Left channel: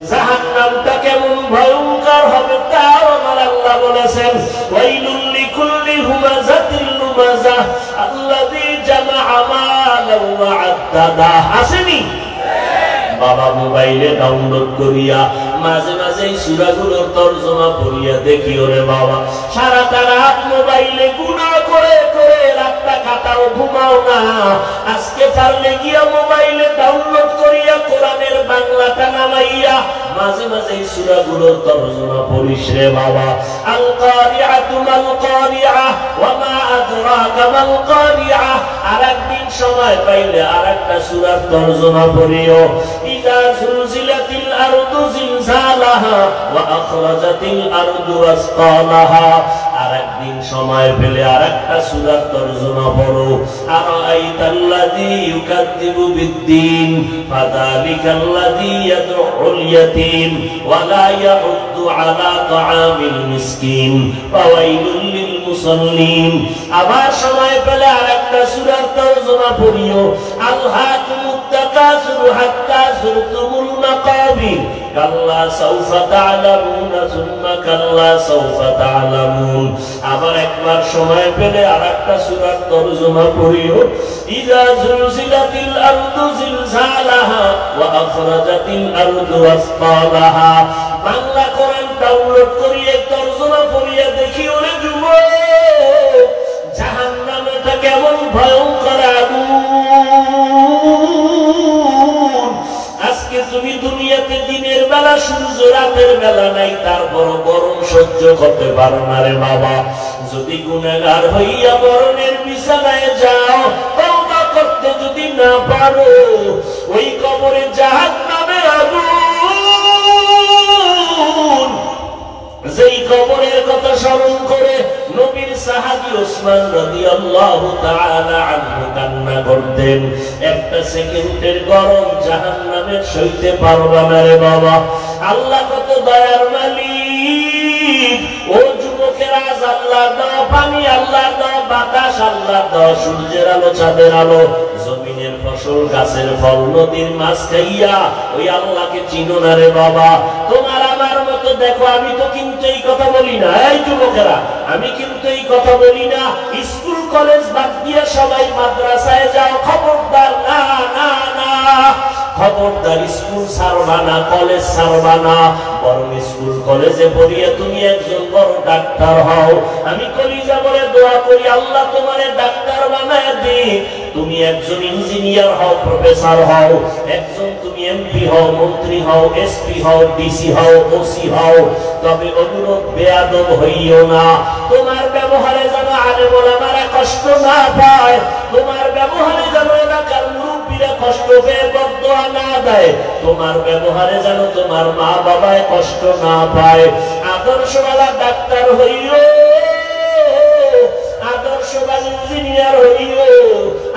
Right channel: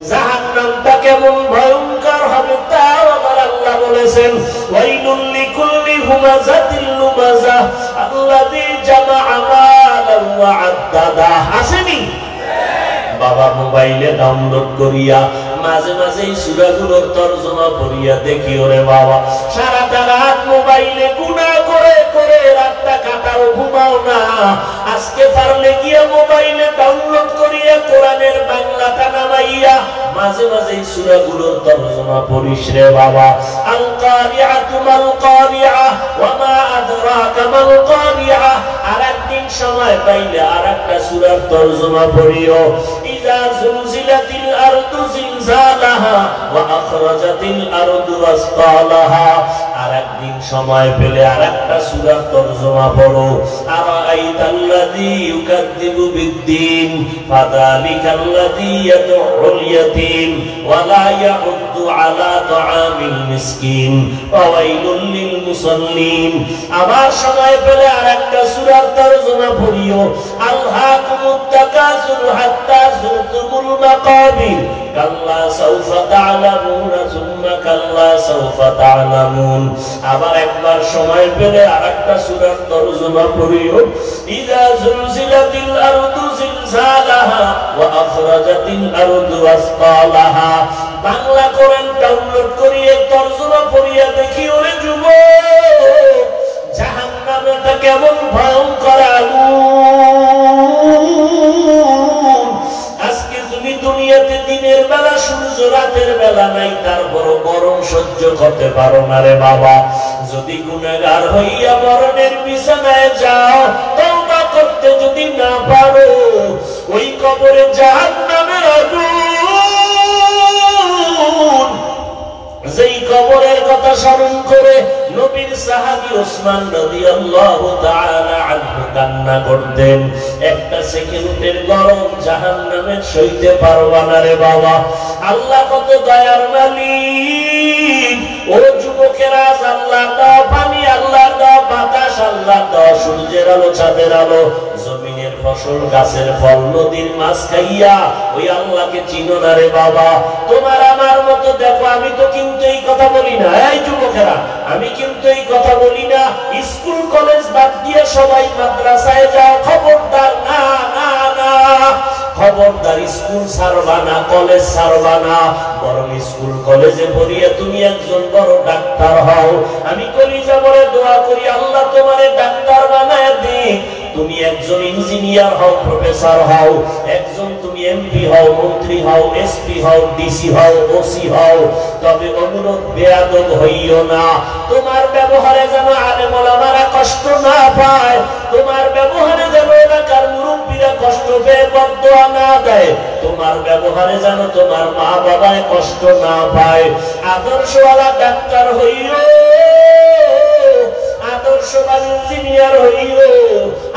জাহান্নামটা কেমন ভয়ঙ্কর হবে তাও আমার আল্লাহ বলেছেন, ওয়াইলুল লিকুল্লি হুমাযাতিল লুমাযা আল্লাযী জামাআ মালান ওয়া আদ্দাদা। আসেনি বাবা? মোবাইলে ডাউনলোড করিয়া মাঝে মাঝে এই সূরাগুলোর তরজমা পড়িয়া দেখি, ওরে বাবা সারাটা রাত মোবাইলে গুনাহ করে করে রাতটা কাটাও, ঘুমাও না। আজকে পারলে গিয়া মোবাইলে ডাউনলোড করিয়া কোরআনের বাংলাটা নামাইয়া মাঝে মাঝে এই সূরাগুলোর তরজমা পড়িস রে বাবা। আল কারিআতু মাল কারিআ ওয়া মা আদরাকা মাল কারিআ। আরেকদিন সময় পাইলে আরেকটা সূরার তরজমা পড়িও। ইযা যুলজিলাতিল আরদু জিলজালাহা ওয়া আখরাজাতিল আরদু আসকালাহা। আরেকদিন সময় পেলে আরেকটা সূরার তরজমা পড়ো। আরাআইতাল্লাযী ইউকাযযিবু বিদ্দীন ফাযালিকাল্লাযী ইয়াদউল ইয়াতীম ওয়া লা ইয়াউদ্দু আলা তাআমিল মিসকিন ফাওয়াইলুল লিল মুসাল্লিন। আবার সময় পেলে আরেকটা সূরার তরজমা পড়িও। আলহাকুমুত তাকাসুর হাত্তা যুরতুমুল মাকাবির কাল্লা সাউফা তা'লামুনা সুম্মা কাল্লা সাউফা তা'লামুন। আবার একবার সময় পেলে আরেকটা সূরার তরজমা পড়িও। ইযা যুলজিলাতিল আরদু জিলজালাহা ওয়া আখরাজাতিল আরদু আসকালাহা। বাংলা কোরআন ডাউনলোড করিয়ে তরজমা পড়িয়া দেখি, ওরে যুবক জাহান্নামটা কেমন ভয়ঙ্কর আগুন। আজকে তুমি দুনিয়াতে দিনের বেলা সূর্য, রাতের বেলা নাই, তারপর গরম সহ্য করতে পারো না রে বাবা। যদি গুনাহগার হইয়া মরণের বিছানায় যাও, তওবা করতে যদি না পারো, ওই কবরে জাহান্নামের আগুন, যেই কবরের কথা স্মরণ করে নবীর সাহাবী ওসমান রাদিয়াল্লাহু তাআলা আনহু কান্না করতেন। একটা সেকেন্ডের গরম জাহান্নামের সইতে পারবা না রে বাবা। আল্লাহ কত দয়ার মালিক। ও যুবকেরা, আল্লাহ দাও পানি, আল্লাহ দাও বাতাস, আল্লাহ দাও সূর্যের আলো, চাঁদের আলো, জমিনের ফসল, গাছের ফল, নদীর মাছ খাইয়া ওই আল্লাহকে চিনো না রে বাবা। তোমার আমার মতো দেখো, আমি তো কিন্তু এই কথা বলি না, এই যুবকেরা আমি কিন্তু এই কথা বলি না স্কুল কলেজ বাদ দিয়ে সবাই মাদ্রাসায় যাও, খবরদার, না না না, খবরদার স্কুল ছাড়বা না, কলেজ ছাড়বা না। বরং স্কুল কলেজে পড়িয়া তুমি একজন বড় ডাক্তার হও। আমি কলিজা বলে দোয়া করি, আল্লাহ তোমারে ডাক্তার বানায় দিক। তুমি একজন ইঞ্জিনিয়ার হও, প্রফেসর হও, একজন তুমি এমপি হও, মন্ত্রী হও, এসপি হও, ডিসি হও, ওসি হও। তবে অনুরোধ, বেয়াদব হইও না। তোমার ব্যবহারে যেন আলেম ওলামারা কষ্ট না পায়, তোমার ব্যবহারে যেন এলাকার মুরব্বীরা কষ্ট পেয়ে বদদোয়া না দেয়, তোমার ব্যবহারে যেন তোমার মা বাবায় কষ্ট না পায়। আদর্শওয়ালা ডাক্তার হইও, আদর্শবান ইঞ্জিনিয়ার হইও।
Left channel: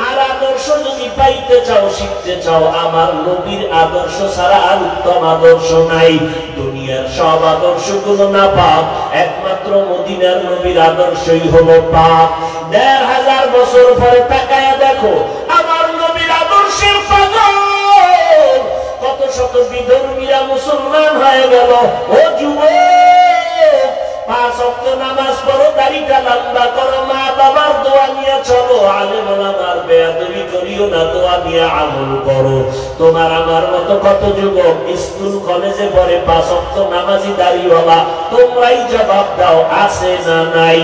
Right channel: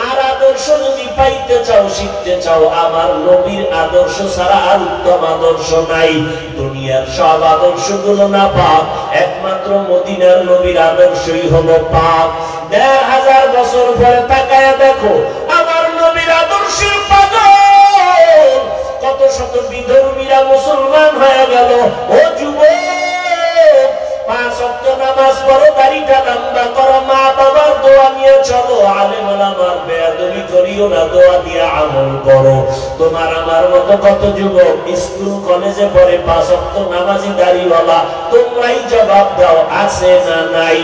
আর আদর্শ যদি পাইতে চাও, শিখতে চাও, আমার নবীর আদর্শ ছাড়া আর উত্তম আদর্শ নাই। দুনিয়ার সব আদর্শগুলো না পাক, একমাত্র মদিনার নবীর আদর্শই হলো পাক। ১৫০০ বছর পরে তাকায়া দেখো আমার নবীর আদর্শের পাগল কত শত বিধর্মীরা মুসলমান হয়ে গেল। ও যুবক, ৫ ওয়াক্ত নামাজ পড়ো, দাড়িটা লম্বা করো, মা বাবার দোয়া নিয়ে চলো, আলেম ওলামার বেয়াদবি করিও না, দোয়া দিয়ে আমল করো। তোমার আমার মতো কত যুবক স্কুল কলেজে পড়ে, ৫ ওয়াক্ত নামাজি দাড়িওয়ালা, তোমরাই জবাব দাও, আছে না নাই?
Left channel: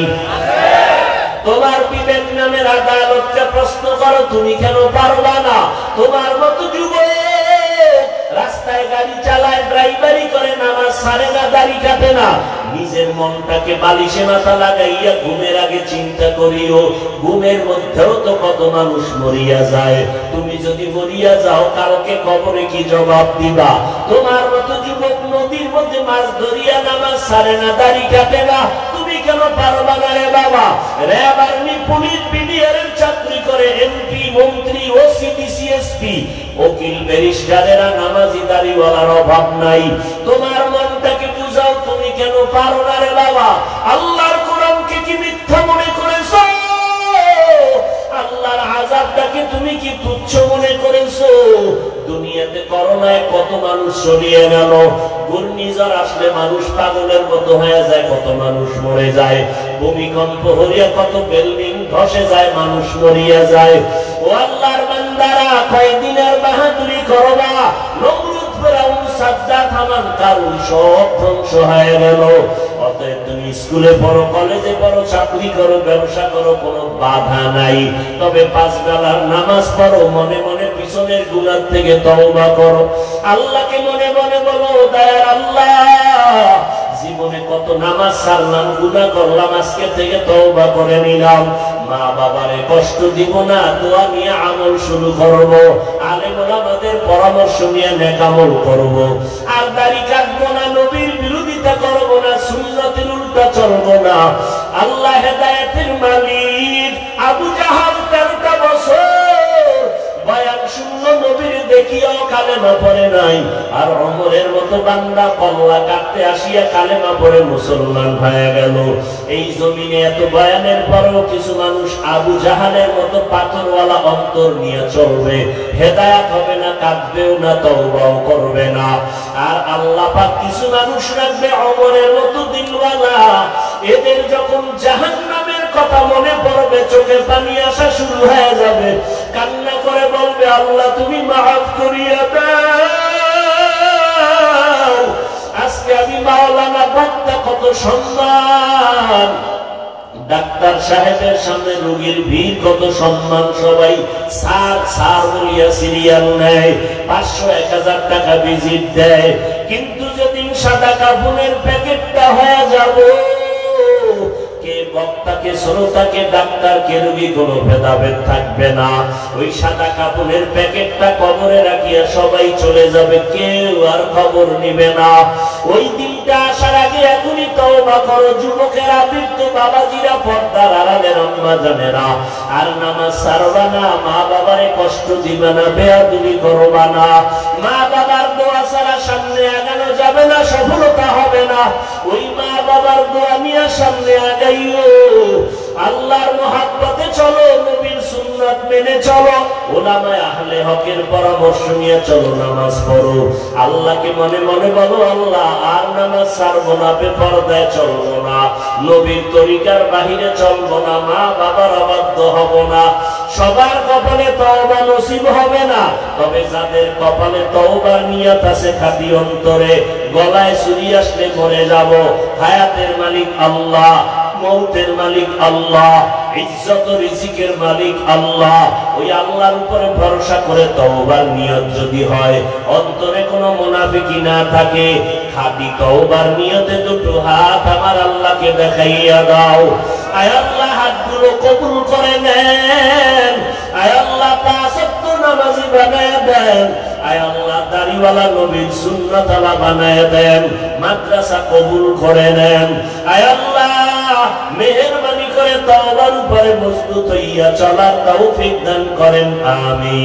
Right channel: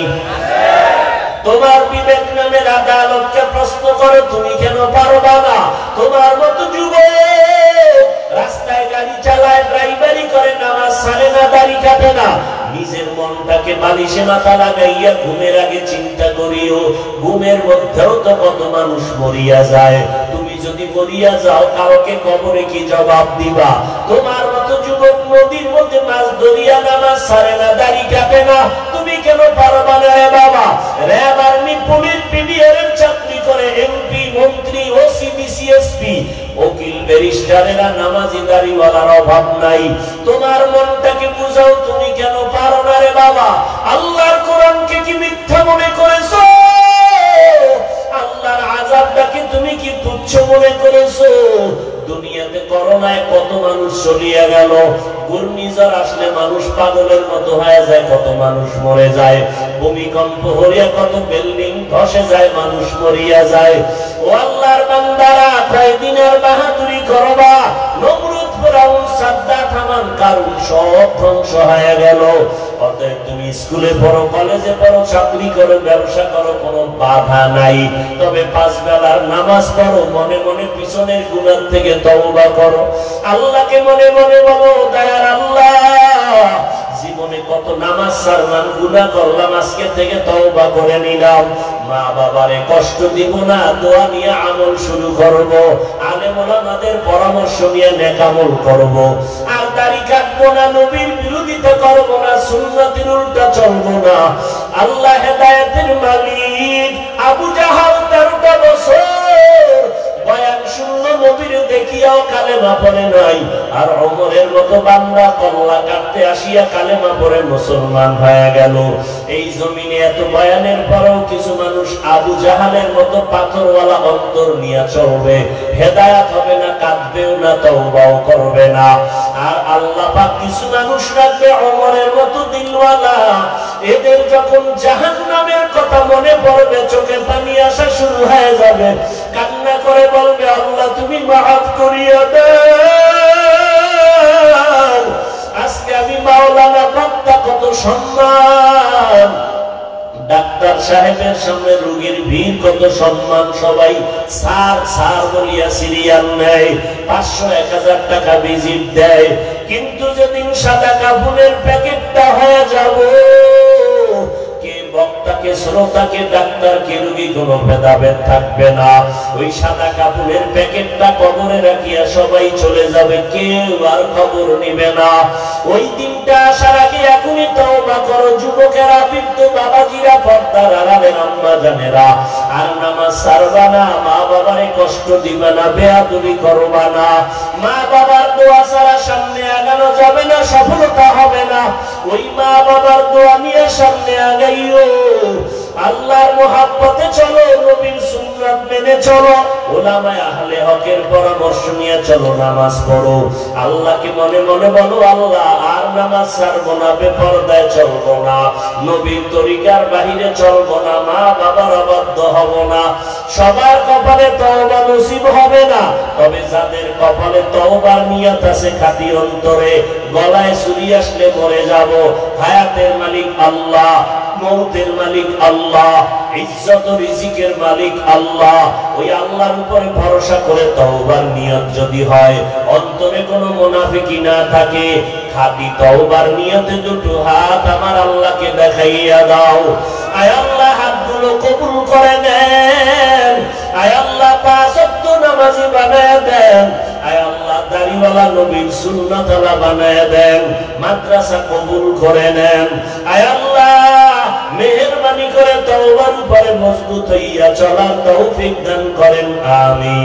তোমার বিবেক নামের আদালতকে প্রশ্ন করো, তুমি কেন পারবা না? তোমার মতো যুবক রাস্তায় গাড়ি চালায়, ড্রাইভারি করে, নামাজ ছাড়ে না, দাড়ি কাটে না। নিজের মনটাকে বালিশে মাথা লাগাইয়া ঘুমের আগে চিন্তা করিও, ঘুমের মধ্যেও তো কত মানুষ মরিয়া যায়। তুমি যদি মরিয়া যাও, কাউকে কবরে কি জবাব দিবা? তোমার মতো যুবক নদীর মধ্যে মাছ ধরিয়া, নামাজ ছাড়ে না, দাড়ি কাটে না, তুমি কেন পারবা না রে বাবা? র্যাব, আর্মি, পুলিশ, বিডিআর এর চাকরি করে, এমপি, মন্ত্রী, ওসি, ডিসি, এসপি, উকিল, ব্যারিস্টারেরা নামাজি দাড়িওয়ালার অভাব নাই। তোমার মনটাকে বুঝাও, তুমি কেন পারো না রে বাবা? আল্লাহর কোরআনকে কি মিথ্যা মনে করেছো? আল্লাহর আযাবটাকে তুমি কি তুচ্ছ মনে করেছো? দুনিয়াতে করোনায় কত মানুষ চলিয়ে গেল, ঘূর্ণিঝড় আসলে মানুষ পাগলের মতো হয়ে যায়, কত মানুষ মরে যায়, ভূমিকম্প হইয়া কত বিল্ডিং ধসে যায়, মানুষ মরিয়া যায়। ও আল্লাহর বান্দারা, কয়দিন আর বাহাদুরি করবা? নমরুদ, ফিরআউন, সাদ্দাত, হামান, কারুন সব ধ্বংস হয়ে গেল। অতএব তুমি স্কুলে পড়ো, কলেজে পড়ো, চাকরি করো, ব্যবসা করো, কোনো বাধা নাই। তবে 5 বেলার নামাজ পড়ো, মনে মনে পিছনের গুনাহ থেকে তওবা করো, আল্লাহকে মনে মনে বলো, দয়ার আল্লাহ, জীবনে কত নামাজ ছাড়লাম, গুনাহ করলাম, আজকে থেকে তওবা করে নিলাম। মা বাবারে কষ্ট দিব না, দোয়া নিয়ে আমল শুরু করব, আলেম ওলামাদের পরামর্শ নিয়ে নেক আমল করব, আর দাড়ি কাটবো না, নবীর বিরোধিতা করব না, সুন্নতের উল্টা চলব না। আল্লাহ হেদায়েতের মালিক। আবু জাহাল 13টা বছর বয়ান শুনল, নবীর দেখিয়াও কালেমা পড়ে নাই। আর ওমরের মতো বান্দা কল্লা কাটতে আসিয়া কালেমা পড়ে মুসলমান হয়ে গেল। এই জমিনে এত বয়ানের পরেও কিছু মানুষ আবু জাহালের মতো পাথরওয়ালা অন্তর নিয়ে চলবে, হেদায়েত হবে না, কাঁদবেও না, তওবাও করবে না। আর আল্লাহ পাক কিছু মানুষ রাখবে ওমরের মতো দিলওয়ালা, এদের যখন জাহান্নামের কথা মনে পড়বে চোখে পানি আসা শুরু হয়ে যাবে, কান্না করে বলবে, আল্লাহ তুমি মাফ করিয়া দাও। আজকে আমি মাওলানা বক্তা, কত সম্মান, ডাক্তার সাহেবের সামনে রোগীর ভিড়, কত সম্মান, সবাই স্যার স্যার বলিয়া সিরিয়াল নেয়, 500-1000 টাকা ভিজিট দেয়। কিন্তু যেদিন সাদা কাফনের প্যাকেটটা হয়ে যাব, কে বক্তাকে, শ্রোতাকে, ডাক্তারকে, রোগী কোনো ভেদাভেদ থাকবে না। ওই সাদা কাপড়ের প্যাকেটটা কবরে রাখিয়া সবাই চলে যাবে, কেউ আর খবর নিবে না। ওই দিনটা আসার আগে এখনই তওবা করো, যুবকেরা, বৃদ্ধ বাবাজিরা, পর্দার আড়ালের আম্মা জানেরা, আর নামাজ ছাড়বা না, মা বাবারে কষ্ট দিবা না, বেয়াদবি করবা না। মা বাবার দোয়া ছাড়া সামনে আগানো যাবে না, সফলতা হবে না। ওই মা বাবার দোয়া নিয়ে সামনে আগাইও, আল্লাহর মহাব্বতে চলো, নবীর সুন্নাত মেনে চলো, উলামায়ে আহলে হকের পরামর্শ নিয়ে চলো, নামাজ পড়ো, আল্লাহকে মনে মনে বলো, আল্লাহ আর নামাজ ছাড়বো না, বেপরদায় চলবো না, নবীর তরিকার বাহিরে চলবো না, মা বাবার অবাধ্য হব না। সবার কপালে তওবা নসিব হবে না, তবে যাদের কপালে তওবার নিয়ত আছে খাঁটি অন্তরে, গলায় ছুরি আসলে মরে যাব, হায়াতের মালিক আল্লাহ, মৌতের মালিক আল্লাহ, ইজ্জত রিজিকের মালিক আল্লাহ। ওই আল্লাহর উপরে ভরসা করে তওবার নিয়ত যদি হয়, অন্তরে কোনো মুনাফিকি না থাকে, খাঁটি তওবার নিয়তে দুটো হাত আমার আল্লাহকে দেখাইয়া দাও। আয় আল্লাহ, হাতগুলো কবুল করে নেন। আয় আল্লাহ, 5 ওয়াক্ত নামাজি বানায় দেন। আয় আল্লাহ, দাড়িওয়ালা নবীর সুন্নাতওয়ালা বানায় দেন। মাদ্রাসা কবুল করে নেন। আয় আল্লাহ, মেহেরবানি করে তওবার উপরে মজবুত হইয়া চলার তৌফিক দান করেন। আমিন।